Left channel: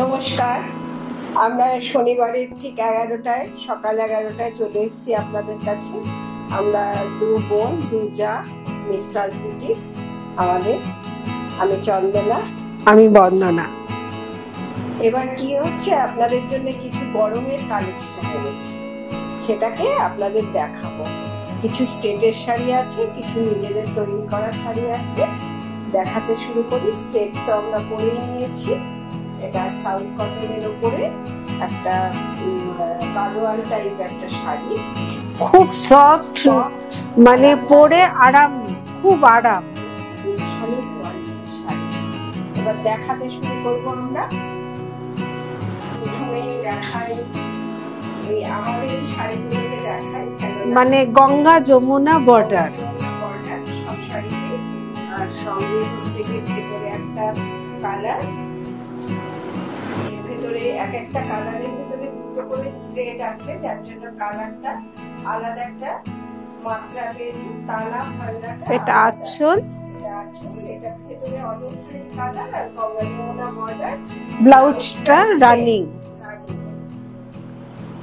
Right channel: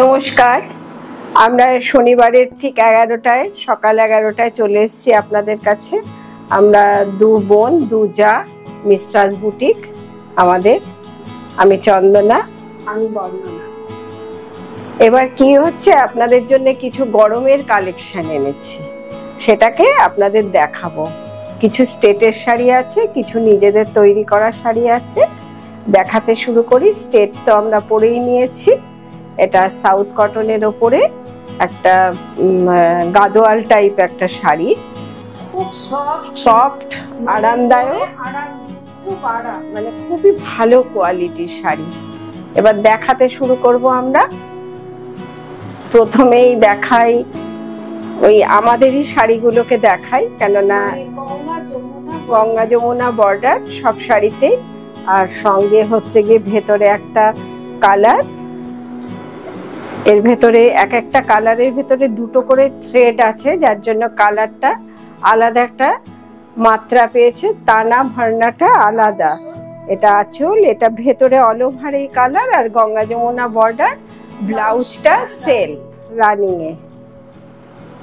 নমস্কার, আমরা শনিবারের ঠিক 11টায় সকাল 11টায় চলে এসেছি আপনাদের কাছে। আমরা দু বোন দু যা মিস্ট্রাস বুটিক আমাদের। আমি চন্দনা, আমি বন্দনা। এবার কি হচ্ছে, আপনাদের জন্য কিছু গরমের কালেকশন এনেছি, সেটাকে আপনাদের দেখাবো। কিছু স্টেটের শাড়ি আছে, কিছু নিজেদের তৈরি করা শাড়ি আছে। দেখাতে শুরু করি। স্টেট তো আমরা পরেই নিয়েছি। এটা সাউথ কটনের ওপরে একটা গাদোয়াল টাইপ একটা শাড়ি, খুব সফট মানে পরে আরাম, খুব আরাম, মানে খুবই ভালো কোয়ালিটির শাড়ি। এবার দেখাতে শুরু করব আমরা। প্রথমেই দেখাই ওই আমাদেরই শাড়িগুলোকে দেখাই, কেননা মানে গঙ্গা যমুনা বর্ডার সব শাড়িতে। আর সঙ্গে হচ্ছে গিয়ে ভেতরে একটা কালার, এর ভেতরে এক একটা কালারের ভেতরে দুটো করে থ্রেড আছে, যার জন্য কালারটা আলাদা একটা মাত্রা পেয়েছে। টানা ভার্নাটা আলাদা। এটা আঁচল, এটা ভেতরে অল ওভার এই কালার, আর গঙ্গা যমুনা বর্ডার। ব্লাউজটা রানিং এ।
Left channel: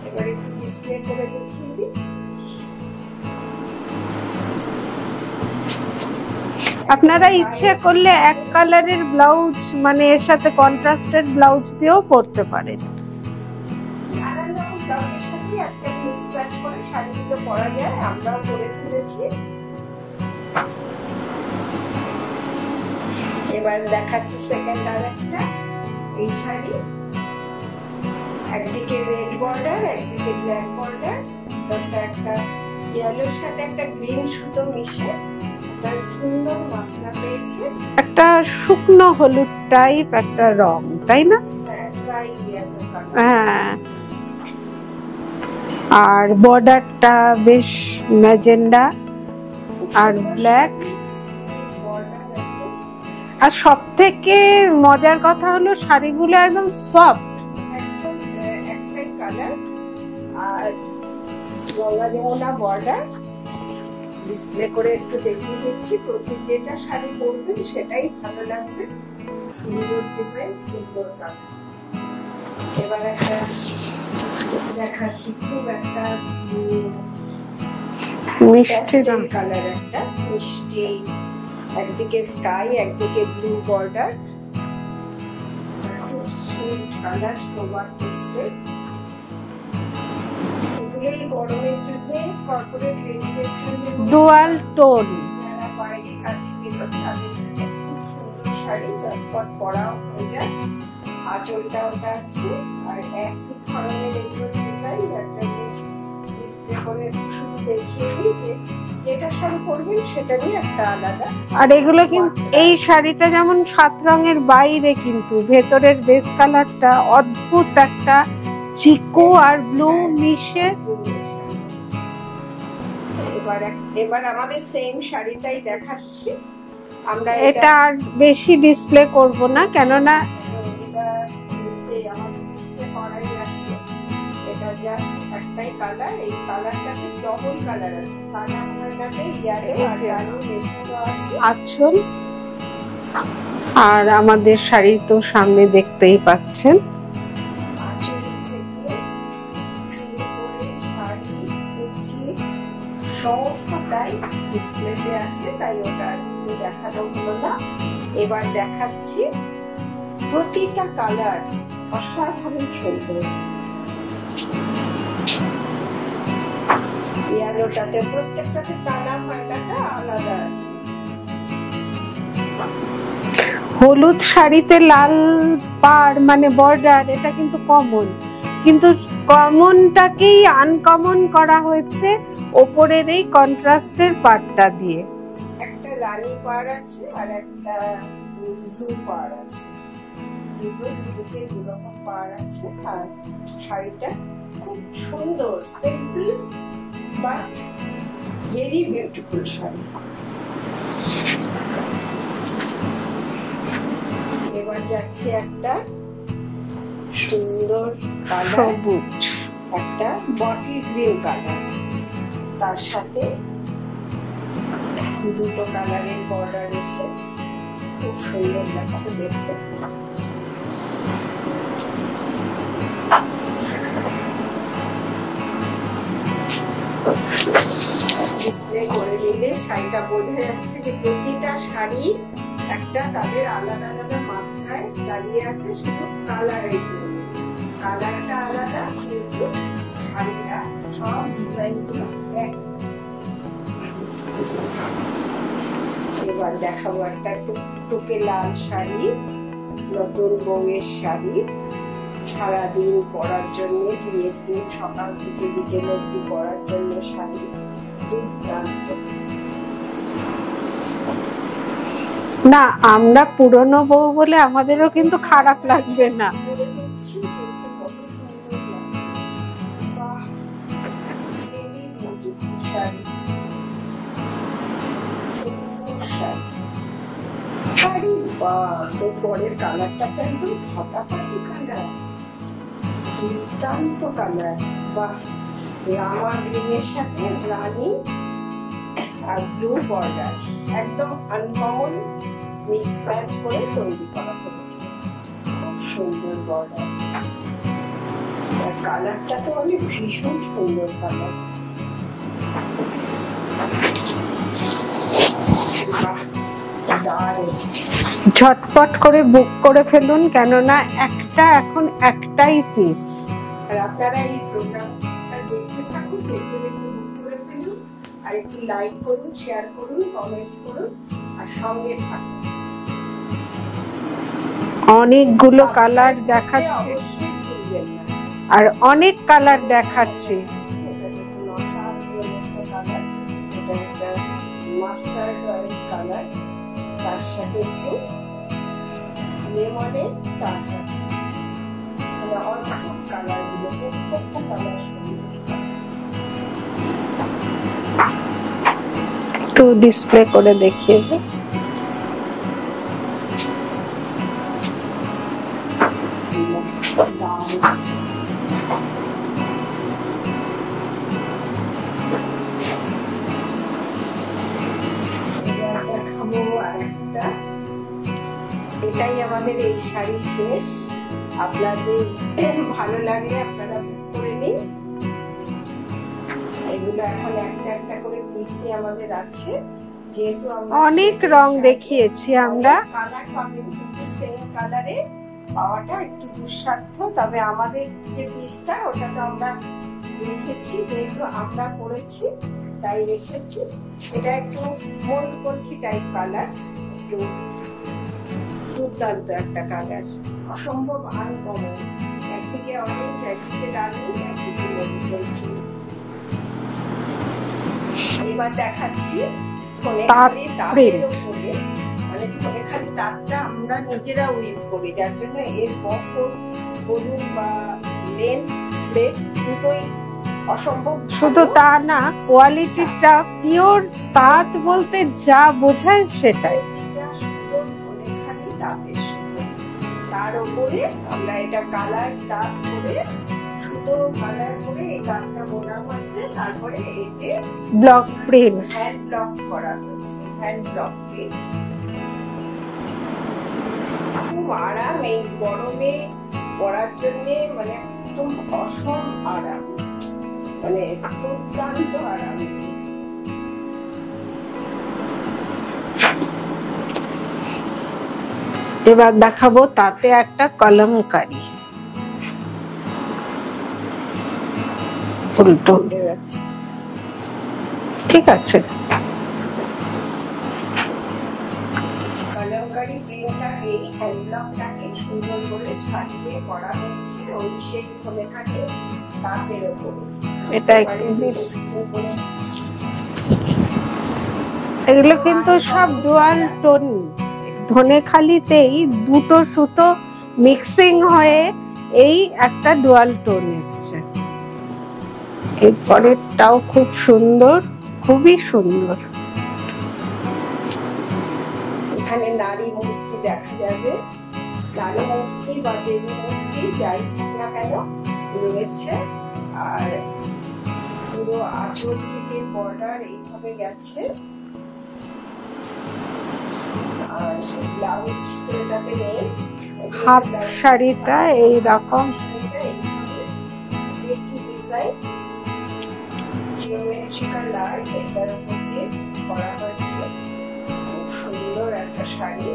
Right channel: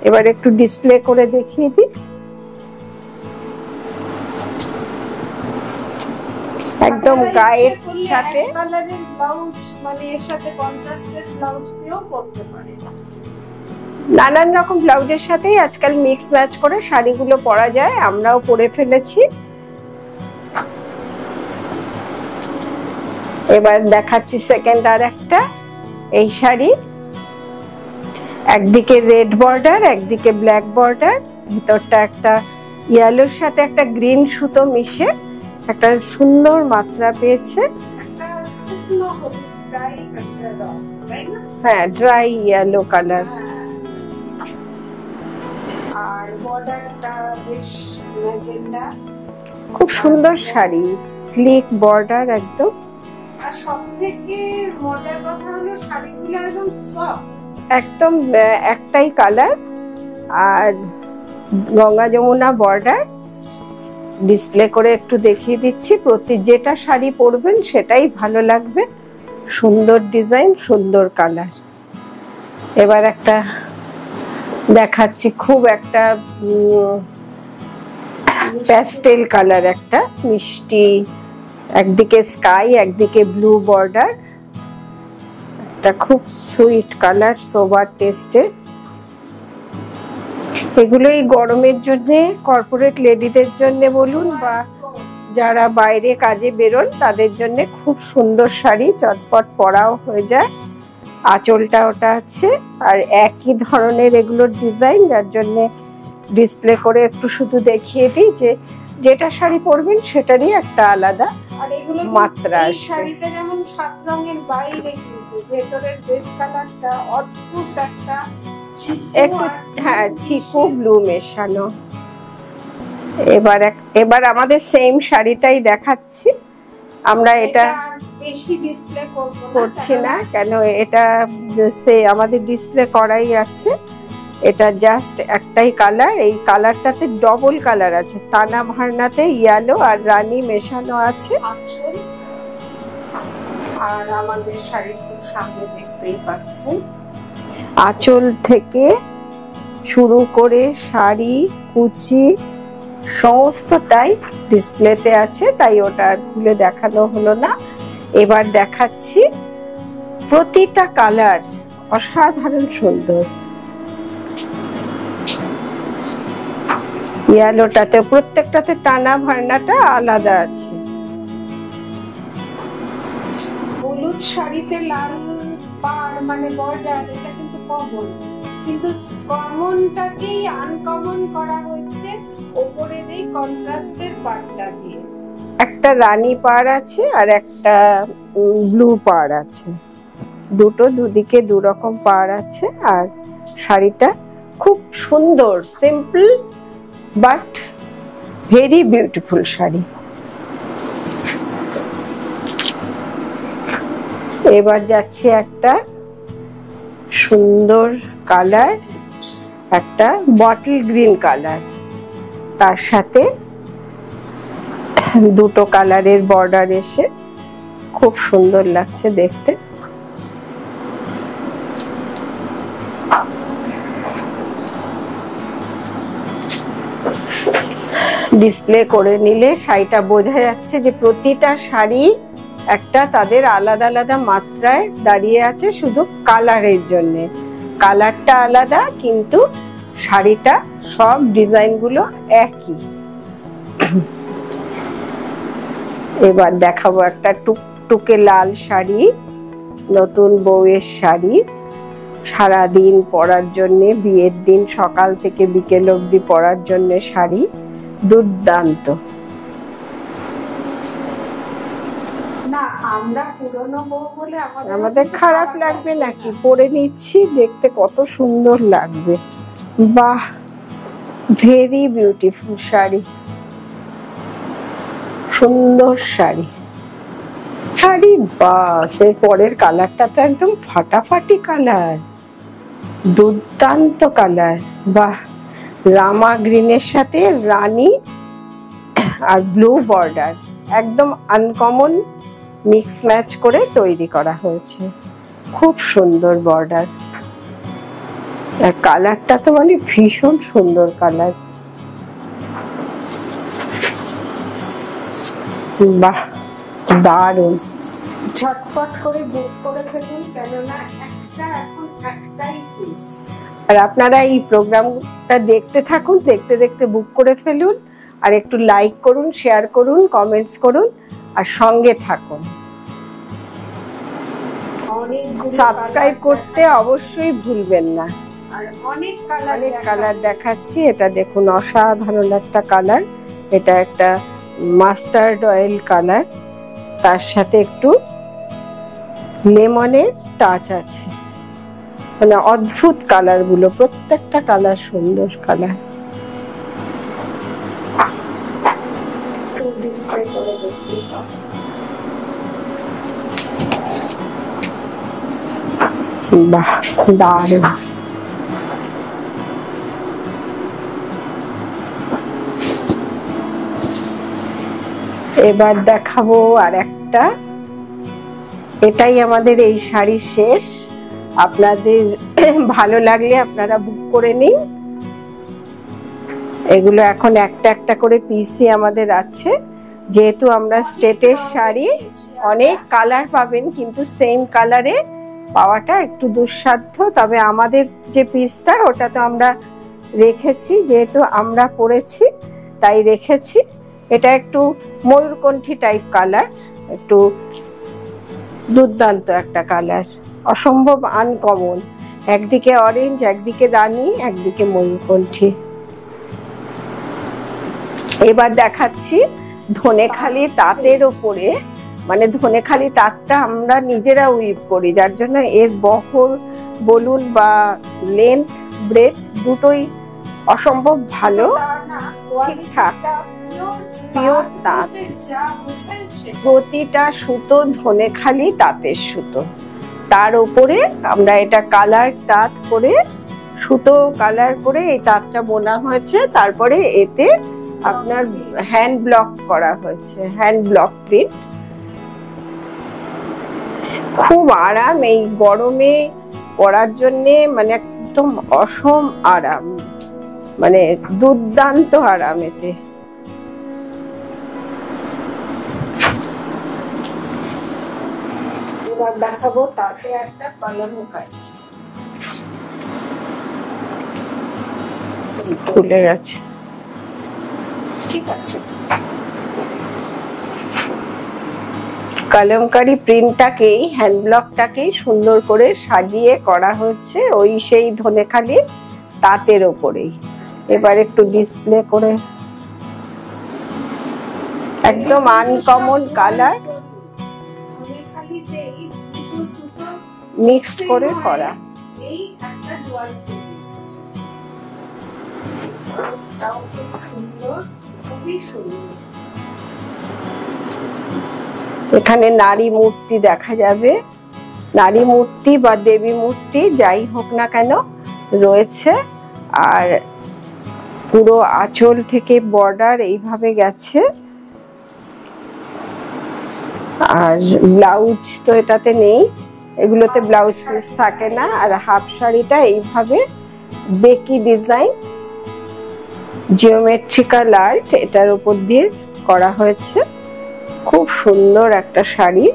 এবার একটু ডিসপ্লে করে দেখিয়ে দিই। আপনারা ইচ্ছে করলে এক কালারের ব্লাউজ মানে এর সাথে কন্ট্রাস্টেড ব্লাউজ দিয়েও পরতে পারেন। নানান রকম ব্লাউজের সাথেই আজকাল মিক্স ম্যাচ করে শাড়িগুলো পরা যায়, আমরাও পরে ফেলেছি। এবার দেখাচ্ছি সেকেন্ড আর একটা এই শাড়ি। একদিকে রেড বর্ডার, একদিকে ব্ল্যাক বর্ডার, ভিতরটা একটা ইয়েলোর সাথে একটা গ্রিন সুতো মিশে একটা সুন্দর মাত্রা পেয়েছে। একটা শুকনো হলুদ টাইপ একটা রং, তাই না? হ্যাঁ, ড্রাই ইয়েলো কালার। হ্যাঁ, আর বর্ডারটা বেশ ম্যাজেন্ডা, খুব সুন্দর শাড়ি, স্লিক বর্ডার একদম। আর সবথেকে মজার কথা হলো শাড়িগুলো একদম সফট, একদম একটাই কালার, আর গঙ্গা যমুনা বর্ডার। ডিসপ্লে করে একটু দেখিয়ে দিচ্ছি। যেটা শাড়ি পরবেন সেটাই ভালো লাগবে। সুন্দর ডিজাইন, সুন্দর কালার। এবার একটা দেখাচ্ছি, খুব একটা প্যাস্টেল কালার, একটা মিষ্টি, একদিকে স্কাই একদিকে ব্লু বর্ডার। এটা খুব সুইট কালার, সোবার টেস্টের। এগুলো এই গরমের জন্য কর্পোরেট লেডিদের জন্য বলুন, টোন, যারা বাইরে কাজে বেরোন তাদের জন্য খুব সুন্দর শাড়ি, চটপট পরাও হয়ে যায়। আঁচলটা ওটা আছে, আর একই ধরনের এগুলোর ডিজাইন, যার জন্য ডিসপ্লে করে একটু শুধু দেখিয়ে দিই যে যেটা শাড়ি পরবেন সেটারই একটা আলাদা। আর এগুলো মাত্রা, এই শাড়িটা যেমন 7 রঙের বাইরে, কিন্তু ভেতরের বেস কালারটা অদ্ভুত একটা চিকু আর ব্লু মেশানো। এবার আমাদের সেম শাড়িটাই দেখাচ্ছি আমরা। এটা আর বেশি ডিসপ্লে করব না, কেন এটা আমাদের ডিসপ্লে করাই আছে। এটা জাস্ট একটাই কালার, এই কালারটাতে ডবল কালার আছে। টানা ভার্নাতে ইয়েলো আর রানী মেশানো আছে আঁচল। আর আমাদের শাড়ি তো সামনে দেখতেই পাচ্ছেন, আঁচল থেকে শুরু করে শাড়ি, কুচি সমস্তটাই ডিসপ্লেতে আছে, তাই ওটা খুলে দেখানো হলো না। এবার দেখাচ্ছি। প্রতিটা কালার অসাধারণ সুন্দর। ইয়েলোটাতে প্রত্যেকটাতে টানা ভার্নাটা আলাদা আছে। হলুদ শাড়িতে লাল পাড় মানে বর্ডার, এটা কিন্তু কমন, কিন্তু কমনটাকেই আনকমন করা হয়েছে ওপরের এই কন্ট্রাস্টের পাড়টা দিয়ে। একটা রানী পাড় আছে আর একটা ব্লু পাড় আছে, দুদিকে দু রকম পাড় আছে। আর শাড়িটা খুব সুন্দর, simple but very beautiful sari. এবার যাচ্ছে একটা সুন্দর কালার, একটা বটল গ্রিন কালার, তার সাথে দুটো কালারের বর্ডার এসে খুব সুন্দর লাগছে দেখতে। ডিসপ্লে করে নিলে শাড়িটা বোঝা যাচ্ছে যে প্রতিটা শাড়ি একটা তাদের আলাদা আলাদা মাত্রায় দাঁড়িয়ে আছে, শুধু কালারের জন্য। কালারটা আলাদা কিন্তু শাড়িটা সব ডিজাইন গুলো একই। এবার দেখাবো একটা টুকটুকে লাল শাড়ি, নতুন বউয়ের শাড়ি, সারাদিন পরার জন্য, বিয়ের দিন সকাল থেকে বিকেল অবধি পরার জন্য শাড়ি, দুর্দান্ত। না, আমরা পুরনো বউ বলে আমাদেরও কিন্তু খারাপ লাগবে না, পরে নিচ্ছি, দেখতে কত সুন্দর লাগবে। বাহ, ভেরি বিউটিফুল শাড়ি, সুন্দর শাড়ি। শাড়ি বাস, এর পরের কালারটা তো একদম ফাটাফাটি কালার, দুর্দান্ত কালার। বাহ, রামা গ্রিনের সাথে রানী আর ব্লু বর্ডার, একদম আনকমন মিক্স ম্যাচ করে তৈরি করা হয়েছে, খুব সুন্দর বর্ডার। আর কালারটা তো মানে ভীষণ সুন্দর কালার। বাহ, দারুণ। ঝটপট করে বুক করে ফেলুন, কেননা এখন একটাই পিস। আর আপনারা এই প্রোগ্রামটা দেখতে থাকুন, দেখতে দেখতে বুক করে ফেলুন, আর একটু লাইক করুন, শেয়ার করুন, কমেন্টস করুন, আর সঙ্গে থাকুন। অনেকগুলো কালার করতে অবশ্যই ভুলবেন না। আর অনেক কালার দেখাচ্ছি। এটা দেখুন, অসাধারণ একটা কালার। এটা একটা মাস্টার্ড অয়েল কালার, তার সাথে একটু লেমনের টাচ আছে, মানে অদ্ভুত কালার গুলো, প্রত্যেকটা কালার সুন্দর কালার। একটু ডিসপ্লে করে দেখিয়ে দাও। বাহ, দারুণ। এবার দেখাবো আর একটা। এটাই আমাদের এই শাড়ি শেষ। আপনাদের ভালো লাগলে আপনারা বুক করে নিন। এগুলো এখন একটা একটা করে পিসি আমাদের আছে, যেহেতু আমরা স্টেটের শাড়ি, অনেক কালার পাবেন, কিন্তু সেম কালারে পাওয়াটা একটু দুঃসাধ্য। তবে আমাদের যে পিসটা, ওটা তো আমরা রেখেছি, যেহেতু আমরা পরেছি তাই রেখেছি। এটা একটু ময়ূরকণ্ঠী টাইপ কালার, একটু দুর্দান্ত একটা কালার, অসম্ভব আনকমন। একদিকে অরেঞ্জ, একদিকে রানী, একদিকে ময়ূরকণ্ঠী। এবার দেখাচ্ছি ধনেখালি তাঁতের ওপরে, মানে ধনেখালি তাঁতটা আমরা নিজেরা উইভ করি, যার জন্য এর বহর বলুন বা লেন্থ ব্রেথ দুটোই অসম্ভব ভালো। তা না, কোয়ালিটিটা পিওর তাঁত বলতে যা বোঝায় সেটা। প্রতিটা সুতো ধনেখালি তাঁতের সুতো, তার উপরে আমরা এটা কালার তাঁত করে, সুতো কালার করে এই তাঁতটা বোনা হয়েছে। তারপরে এতে হ্যান্ড ব্লক করা হয়েছে, হ্যান্ড ব্লক প্রিন্ট। খুব আরাম এই গরমে পরার জন্যে, মানে একদম অসম আরাম, মানে দুর্দান্ত আরাম এতে। এবার দেখাবো তাতে একটা কলমকারি, উল্টো হয়ে গেছে, ঠিক আছে। কলমকারি প্রিন্টটাকেই, হ্যান্ড ব্লকটাকেই সুন্দর করে সাজিয়ে করা হয়েছে ওই সেই ধনেখালি তাঁতের ওপরেই। এবার একটু ডিসপ্লে করে, একদম আনকমন কালার। ধনেখালিতেই দুটো সুতো মিক্সিং হয়ে এই একটা ডুয়াল টোন এসছে। এরপরেরটাও খুব সুন্দর, খুবই সুন্দর। এখানে নারী মূর্তি দেখা যাবে, নারী মূর্তি বা দেবী মূর্তি যাই হোক না কেন রয়েছে। আর পুরো আঁচল থেকে বর্ডার এইভাবে গেছে। আর ব্লাউজ তো এটাতে নেই, এগুলোতে ব্লাউজ শাড়ি থাকে না। আর হাফ শাড়িটা এইভাবে বেকি ডিজাইন, জিওমেট্রিক্যাল আর্ট এটার উপর দিয়ে করা হয়েছে। খুব সুন্দর একটা শাড়ি।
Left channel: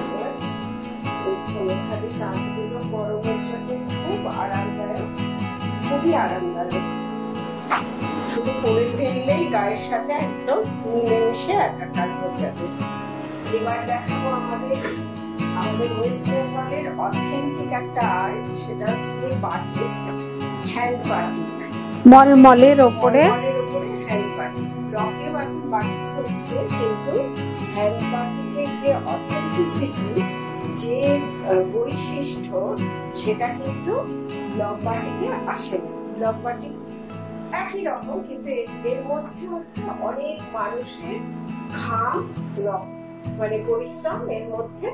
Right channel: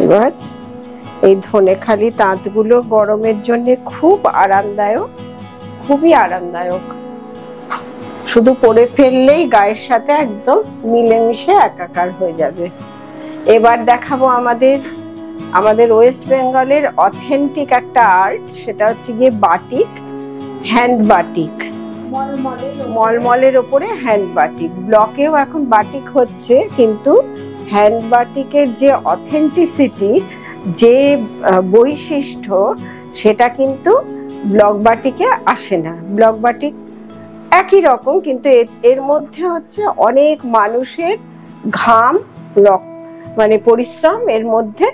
এবার এই ধনেখালি তাঁতগুলো গরমের জন্য খুব আরামদায়ক, খুবই আরামদায়ক। শুধু পরে ফেললেই গায়ের সাথে একদম মিলেমিশে একাকার হয়ে যাবে। এবার দেখাবো আমাদের ওয়েস্ট বেঙ্গলের অথেন্টিক একটা আর্ট, সেটা হচ্ছে গিয়ে বাটিক, হ্যান্ড বাটিক। মলমলের ওপরে হ্যান্ড বাটিক। ব্লকেও এখন বাটিক হচ্ছে, কিন্তু হ্যান্ড বাটিকের যে অথেন্টিসিটি, যে বৈশিষ্ট্য, সেটা কিন্তু ব্লক বাটিকে আসে না। ব্লক বাটিক একই রকম, কিন্তু এর মধ্যে হচ্ছে অনেক মানুষের ঘাম, মানে পরিশ্রম এর মধ্যে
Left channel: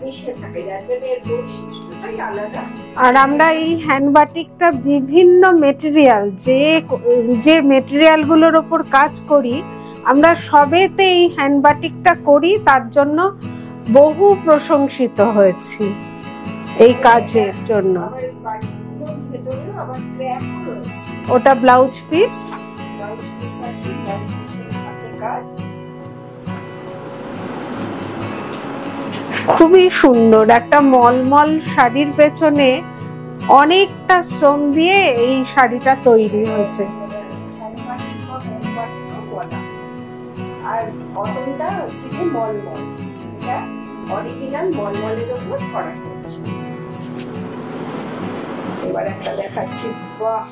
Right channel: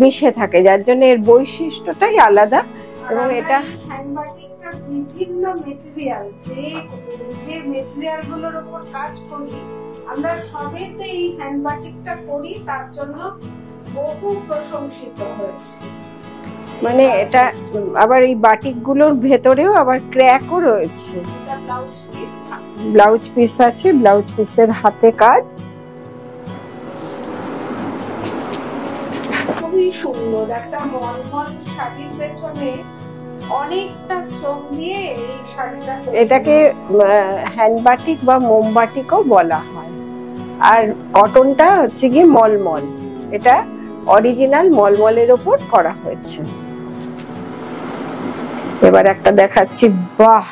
মিশে থাকে, যার জন্য এর বৈশিষ্ট্যটাই আলাদা। আর আমরা এই হ্যান্ড বাটিকটা বিভিন্ন মেটেরিয়াল, যে মেটেরিয়াল গুলোর উপর কাজ করি, আমরা সবেতে এই হ্যান্ড বাটিকটা করি, তার জন্য বহু প্রশংসিত হয়েছি এই কাজের জন্য। আবার এই বাটিক গুলোর ভেতরেও আবার ক্র্যাকও রয়েছে। ওটা ব্লাউজ পিস আছে, ব্লাউজ পিসের হাতে কাজ। খুবই সুন্দর একটা মলমল শাড়ির পেছনে অনেকটা শ্রম দিয়ে এই শাড়িটা তৈরি। এটাকে হ্যান্ড বাটিক বা মোমবাটিকও বলা হয়। আর কটনটা হচ্ছে কি মলমল, এটা অরিজিনাল মলমলের ওপর করা হয়েছে। এবার একটা দেখাচ্ছি, বাহ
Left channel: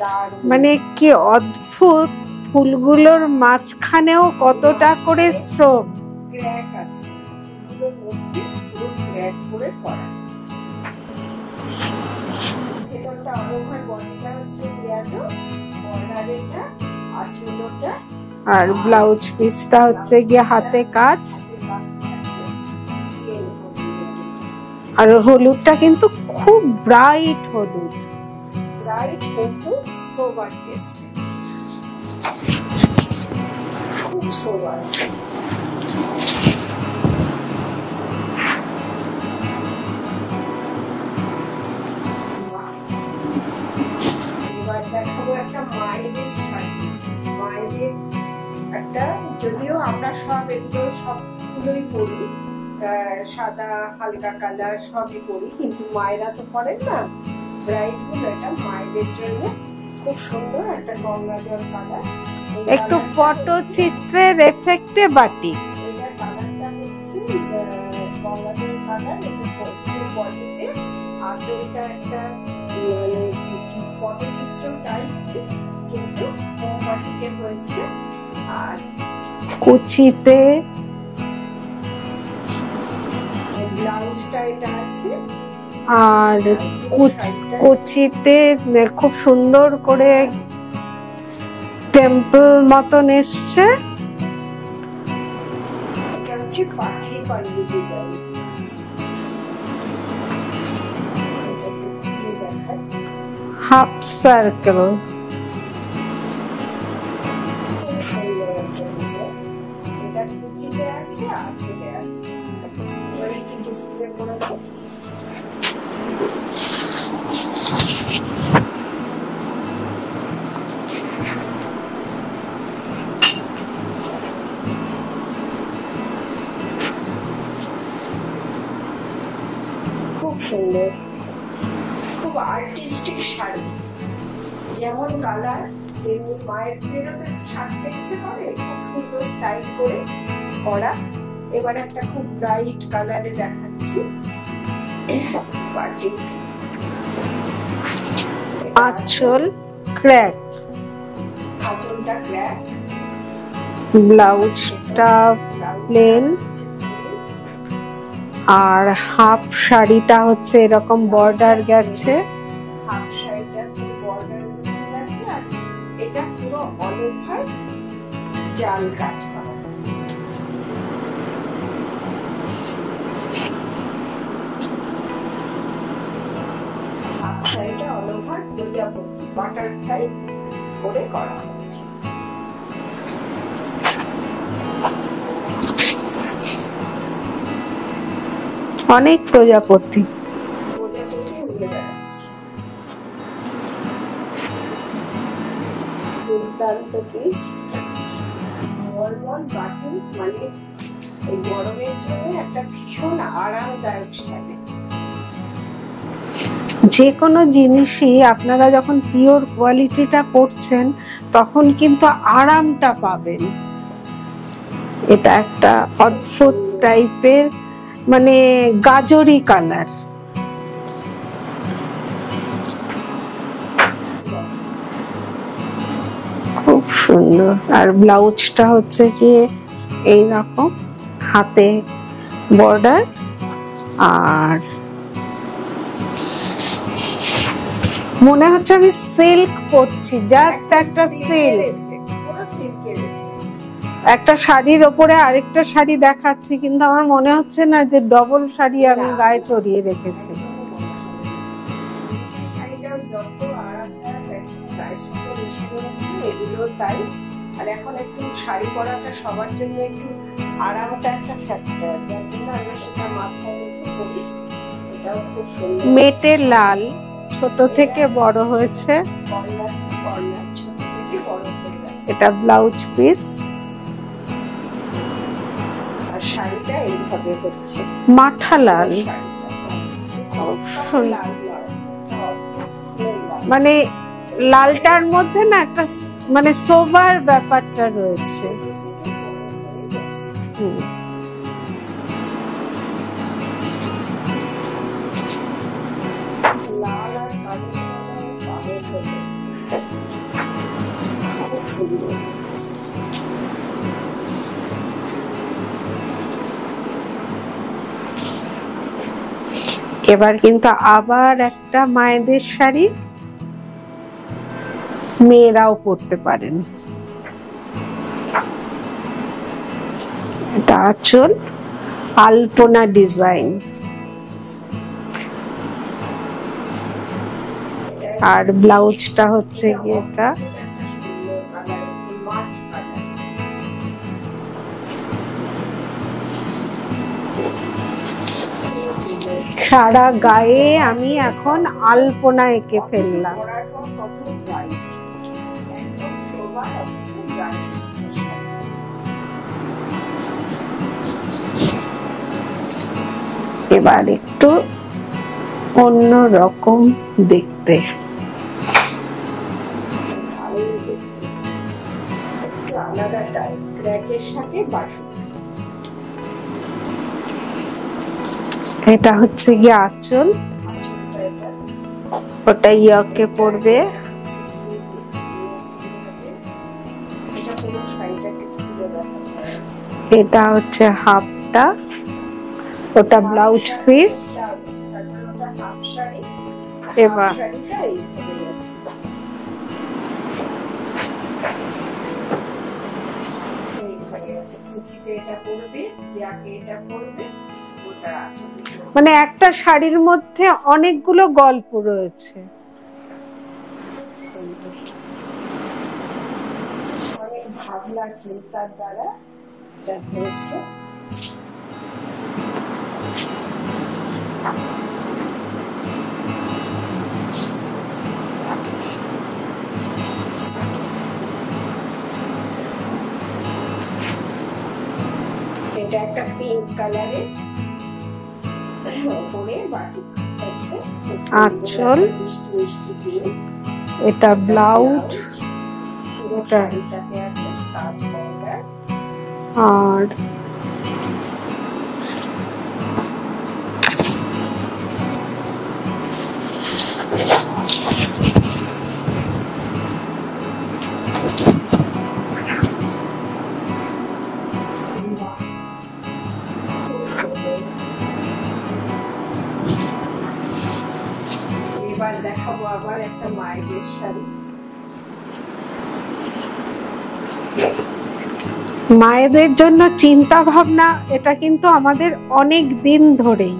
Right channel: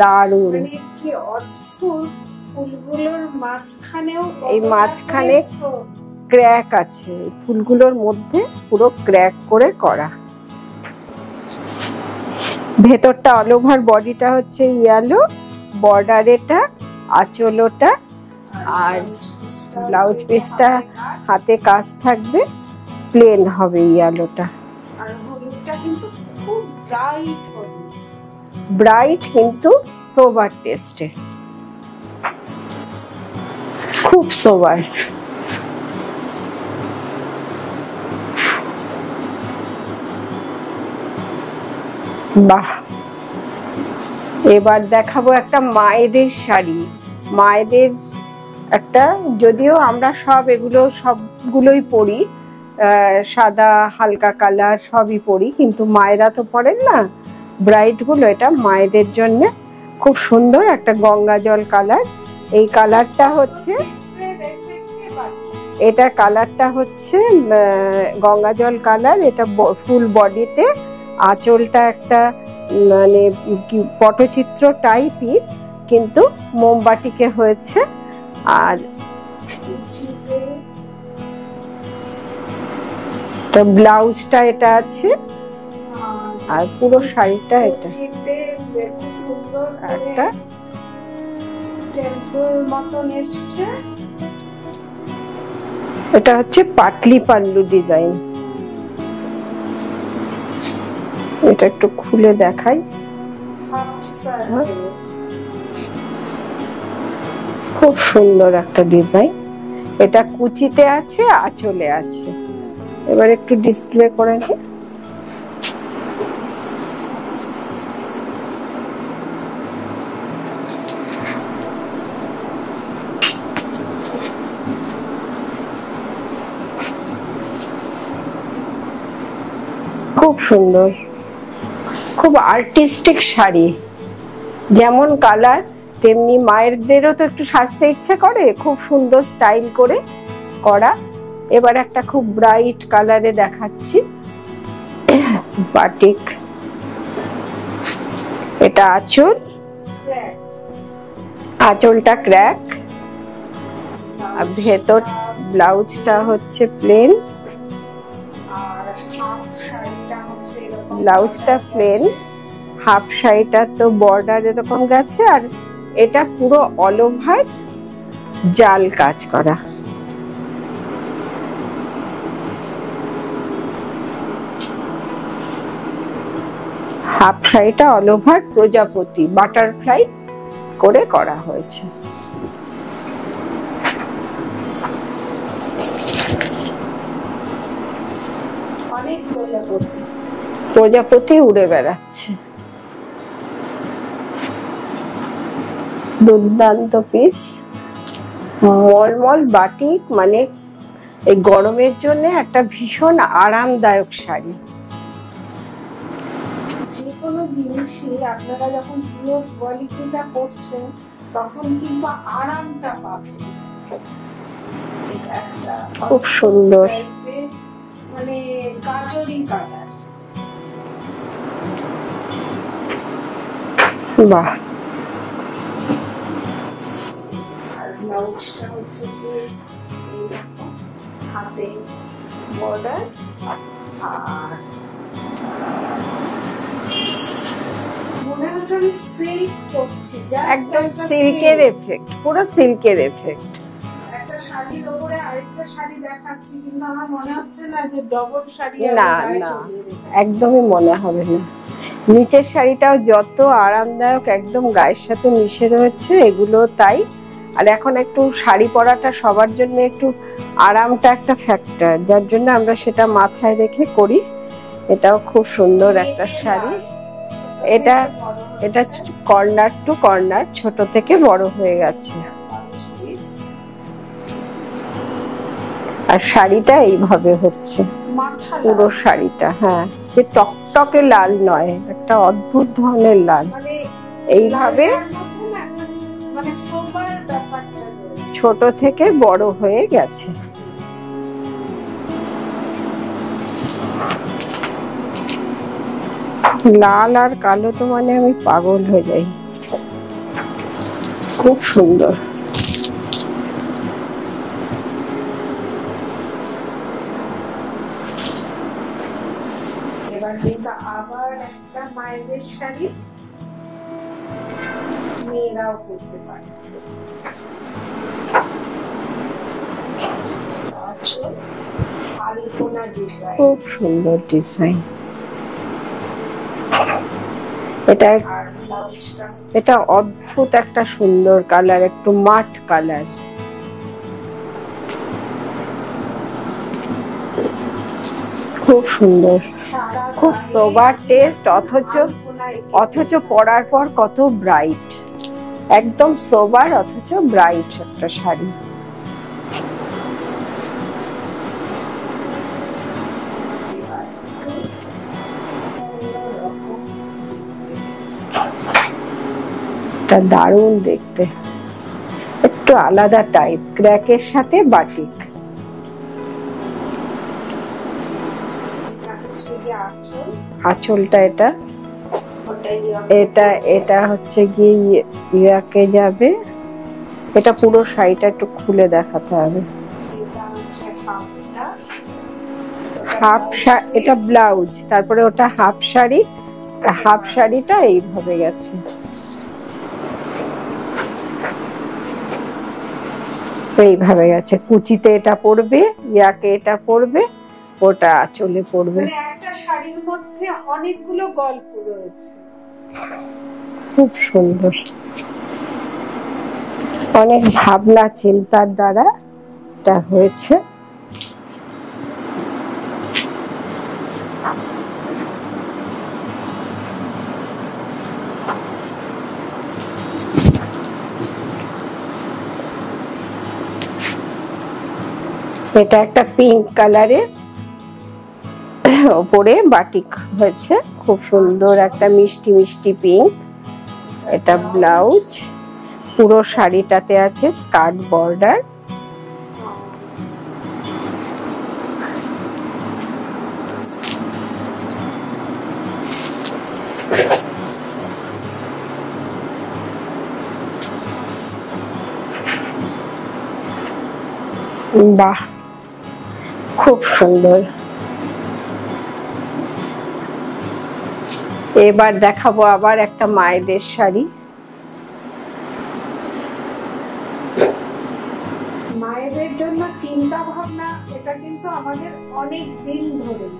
দারুণ, মানে কি অদ্ভুত! ফুলগুলোর মাঝখানেও কতটা করে শ্রম, ক্র্যাক আছে ফুলগুলোর মধ্যে, পুরো ক্র্যাক করে করা। ভেতরটা অল ওভার, বডিটা হচ্ছে ইয়েলো, বর্ডার এটা, আঁচলটা, আর ব্লাউজ পিসটা হচ্ছে হাতে কাজ থাকবে, প্লেন হবে ইয়েলোটা। আর হলুদটা কিন্তু খুব ব্রাইট হলুদ, ব্রাইট কিন্তু সোবার টেস্টে, খুব সোবার। বাহ, এবার দেখাবো একটা মায়েদের শাড়ি। মায়েদের একটা, যদিও আমরা সবগুলোই পরি, সাদা হালকা কালার সবই পরি, কিন্তু মায়েরা তো পরেন না, ব্রাইট গুলো। এটা মায়েদের জন্য খুব সুন্দর একটা গঙ্গা জল কালার। এই কালারটা হচ্ছে চিত্রের এফেক্টে বাটিক। এটা কালারটা হচ্ছে গঙ্গা জল কালার। এটা ফুল বডিতে, আঁচলটা একটা মানে পটচিত্র টাইপই, কিন্তু মোমবাটিকে হয়েছে। আর কুচিতে ব্লাউজটা এটা আছে, আর পুরো শাড়িটা কুচিতে খুব সুন্দর করে টেম্পল মতন এসছে। এটা হচ্ছে পাটলি পাল্লু ডিজাইন। এটা একটু খুলে দেখাই, হাফ সার্কেল, খুব সুন্দর একটা ডিজাইন। এটা কুচিতে আছে, আঁচলে আছে। এবার একটু ডিসপ্লে করে নিই। খুব সুন্দর, খুব আর্টিস্টিক শাড়ি। যেমন কালার, তেমনি মায়েরদেরও তো একটু সাজতে ইচ্ছে করে, খুব সুন্দর স্টাইল করে করা। এবার একটা খুব ব্রাইট কালারে দেখাচ্ছি, বাটিক। এটা আঁচল, ক্র্যাক, আঁচলটা ক্র্যাক, ব্লাউজটা হচ্ছে প্লেন, আর হাফ শাড়িটা হচ্ছে এরকম বর্ডার গেছে। হাফ শাড়িটা তো বর্ডার এরকম গেছে, আর এটা পুরো অল ওভার জাল কাজ করা। হাফ শাড়িটা অল ওভার প্রজাপতি বাটারফ্লাই করে করা হয়েছে। অনেক প্রজাপতি, প্রজাপতি উড়ে বেড়াচ্ছে। দুর্দান্ত পিস, মলমল বাটিক, মানে এই গরমের জন্য একটা ভীষণ আরামদায়ক শাড়ি। যে কোনো জিনিসই আপনারা যখন পিওর কোয়ালিটিটা করছেন তখন কিন্তু আরামটা পাবেন। এটা একটা অদ্ভুত টাইপের, মানে গাজরি কালার। বাহ, খুব সুন্দর। আর ব্লাউজটা হচ্ছে কি এইরকম হাতে বর্ডার, আর মনে হচ্ছে আমি সিল্ক পরছি, জাস্ট একটা সিল্কের এফেক্ট, পুরো সিল্কের এফেক্ট। একটা শাড়ির ওপরে আরেকটা শাড়ি দেখাচ্ছি, কিন্তু আমার মনে হচ্ছে না যে ডবল শাড়ি আর গায়ে চড়িয়ে রেখেছি। একদমই মনে হবে না। নিচের শাড়িটাও যত আরামদায়ক, একদম গায়ের সাথে মিশে রয়েছে, এগুলো তাই। আর এখন একটু শাড়ি পরাটা সবার জন্য একটু আরামটা একটা ফ্যাক্টর, যার জন্য আমরা সেটা মাথায় রেখে করি। এটাও খুব সুন্দর, মেটে লাল, ছোট থেকে বড় হয়েছে, কর্নার টু কর্নার ছোট থেকে বড় হয়ে গেছে। এটা ব্লাউজ পিস, আর শাড়িটা এইভাবে হচ্ছে মাঠা লাল শাড়িটা। হ্যাঁ, যে টকটকে লাল নয়, একটা অদ্ভুত ধরনের লাল, মানে এই লালটার মধ্যে না একটা মানে সোবার ব্যাপারটা রয়েছে, ছোট থেকে বড় হয়ে গেছে। লাল আর কালো তো মানে আমি পাগল হয়ে যাই, খুব সুন্দর। এবার কিন্তু আবার একটা মায়েদের শাড়ি, মেয়েরাও পরতে পারেন। এটা আঁচল, আলপনা ডিজাইন, খুব সুন্দর ডিজাইন। এটা আর ব্লাউজটা হচ্ছে এটা অদ্ভুত একটা সুন্দর কালার, একটু মাঠ কালার। খুব সুন্দর, সারা গায়ে অথচ পরার পর কত ব্রাইট, একদম সোবার অথচ ব্রাইট একটা শাড়ি। এবার একটু অন্য রকম দেখতে, এটা দারুণ দেখতে, একটু আলাদা টাইপ, ক্র্যাকের সাথে বাটিক। এটা হচ্ছে গিয়ে আঁচল, আঁচলটা এটা, ওটা ইয়াকে পড়বে, এটা হচ্ছে গিয়ে ইয়াকে যাবে। এটা পুরো শাড়িটা একটু খুলে দেখাতে হবে। এটা হচ্ছে হাফটা, ওটা ব্লাউজ, এটা ব্লাউজ, তারপরে ওটা হাফ শাড়ি, হাফ শাড়িটা এইভাবে গেছে। এইভাবে গেছে, কুচিতে এটা পড়বে, ইয়াকে এটা পড়বে, ওটা আঁচলে পড়বে। মানে একটা শাড়ির মধ্যে অনেকগুলো গল্প রয়েছে, খুব সুন্দর। অনেক ভাবনা চিন্তার দ্বারা এটা হয়েছে। এটা একটা পিঙ্ক কালারের ওপরে বাটিক হয়েছে, খুব সুন্দর একটা মিষ্টি মিষ্টি পিঙ্ক। এটা ব্লাউজ, পুরো শাড়িটাতে আছে স্কার্ট বর্ডার। আর বাহ, খুব সুন্দর। এবার দেখাবো আবার একটা মায়েদের শাড়ি। মায়েদের জন্য চিন্তা ভাবনা এটা কিন্তু আমাদের অনেক দিন ধরেই,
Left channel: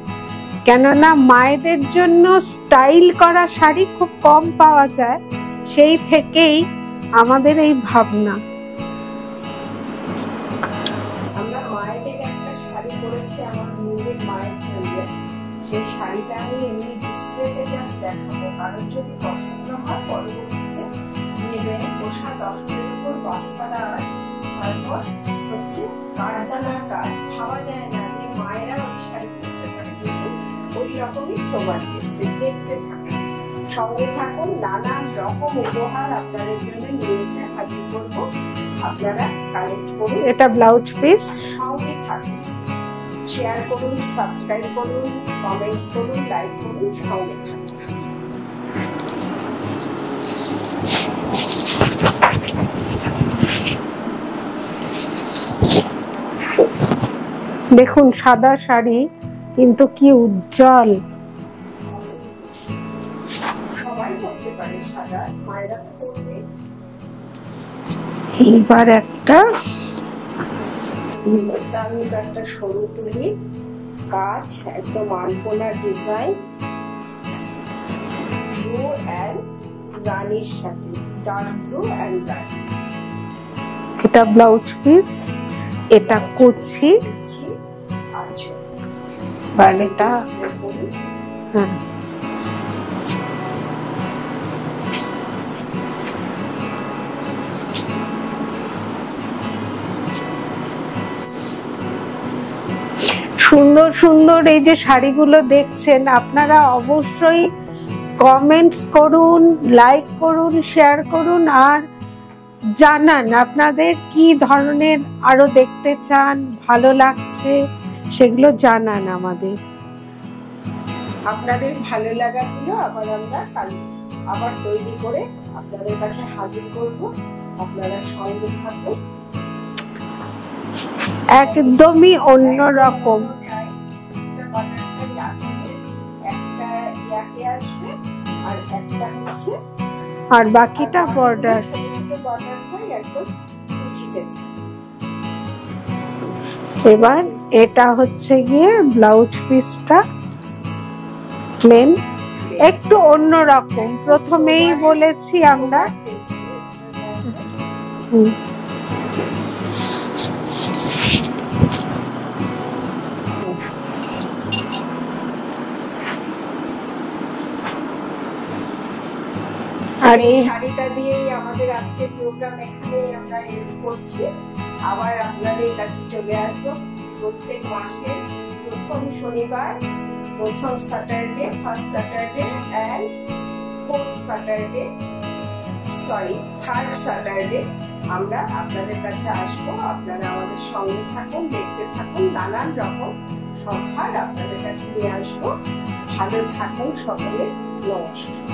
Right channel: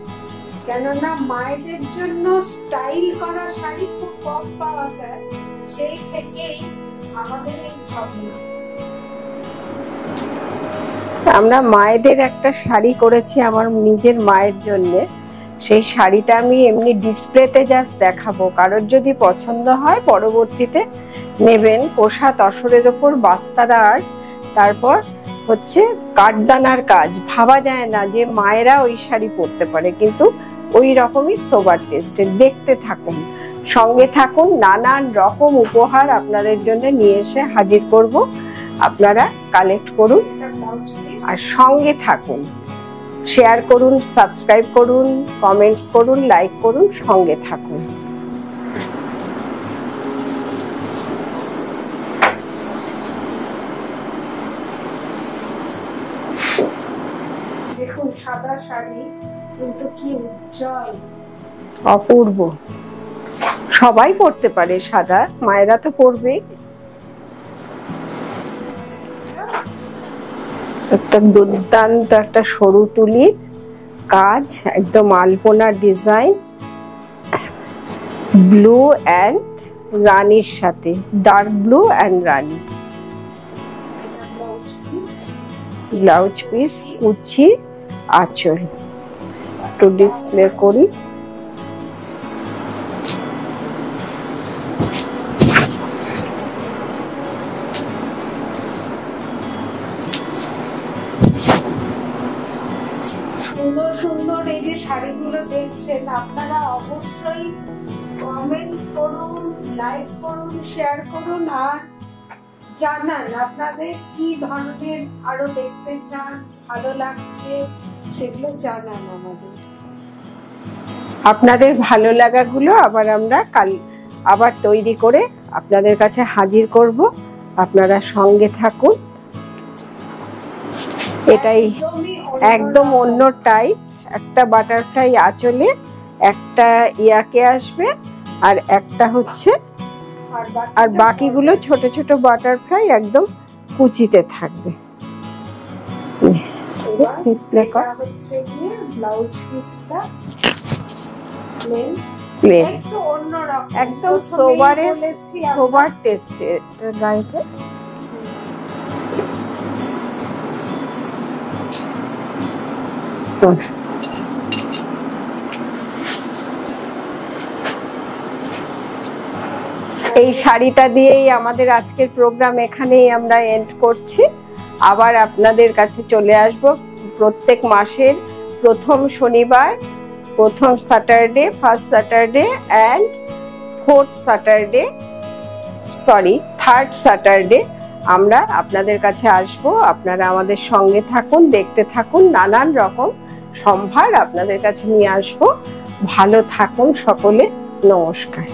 কেননা মায়েদের জন্য স্টাইল করা শাড়ি খুব কম পাওয়া যায়, সেই থেকেই আমাদের এই ভাবনা। আমরা মায়েদের একটা শাড়ি করেছি আমার নিজের মায়ের জন্য, সেই শাড়িটা আমি এমনি ডিসপ্লেতে জাস্ট দেখাবো, কারোর যদি পছন্দ হয় পরবর্তীতে নেবেন। কোষা তসরের ওপর বাস্তারা আর তারপর হচ্ছে কাঠদানার কাজ। ভাবা যায় না যে মায়েরা ওই শাড়ি পরতে পারে, কিন্তু ওই রকমই সোবার টেস্টের। দেখতে থাকুন, সঙ্গে থাকুন, নানান রকম উপহার আপনাদের জন্য নিয়ে এসে হাজির করব। আপনারা কালেক্ট করুন। এটা ব্লাউজ পিস, আর সঙ্গে থাকুন, শেয়ার করুন, সাবস্ক্রাইব করুন, কমেন্টস করুন, লাইক করুন, সঙ্গে থাকুন। দেখুন সাদা শাড়ি, কিন্তু কি উজ্জ্বল, অপূর্ব। সবাই পরতে পারে সাদা, মায়েরা তো পরবে। এইবার একটা দুর্দান্ত একটা সরু তুলির কাজ, একদম আলপনা ডিজাইন, ব্লু অ্যান্ড রানীর সাথে, ডার্ক ব্লু অ্যান্ড রানী। এটা ব্লাউজ পিস, এটা কুচি আঁচল। ডিসপ্লে করি। হ্যাঁ, সুন্দর সুন্দর এই যে শাড়িগুলো দেখছেন, আপনারা অবশ্যই কমেন্টস করুন, লাইক করুন, শেয়ার করুন, আর জানান আপনাদের কি ধরনের আরো দেখতে চান, ভালো লাগছে সেগুলো জানান আমাদের। আপনাদের ভালো লাগাগুলো আবার আমরা কাল আবার তৈরি করে আপনাদের কাছে হাজির করব। আপনারা সঙ্গে থাকুন। একদমই অন্য টাইপ, একটা বাটারফ্লাই আঁচলে, একটা ইয়াকে আসবে, আর একটা হচ্ছে আর বাকিগুলো ছোট ছোট বাটারফ্লাই একদম কুচিতে থাকবে। এবার এটা হচ্ছে গিয়ে ব্লাউজ পিসটা প্লেন, একটু অন্যরকম। একদম প্রথমেই বলেছি আমরা টেস্টে আর এই শাড়িটা দিয়েই আমাদের আজকের প্রোগ্রাম এখানেই আমরা এন্ড করছি। আবার আপনাদের কাছে চলে আসব প্রত্যেক মাসের প্রথম শনিবার, প্রথম Saturday, first Saturday and third Saturday আমরা আপনাদের কাছে আসব। আপনারা আমাদের সঙ্গে থাকুন, দেখতে থাকুন, নানান রকম সম্ভার আপনাদের কাছে নিয়ে আসব। ভালো থাকুন সকলে, নমস্কার।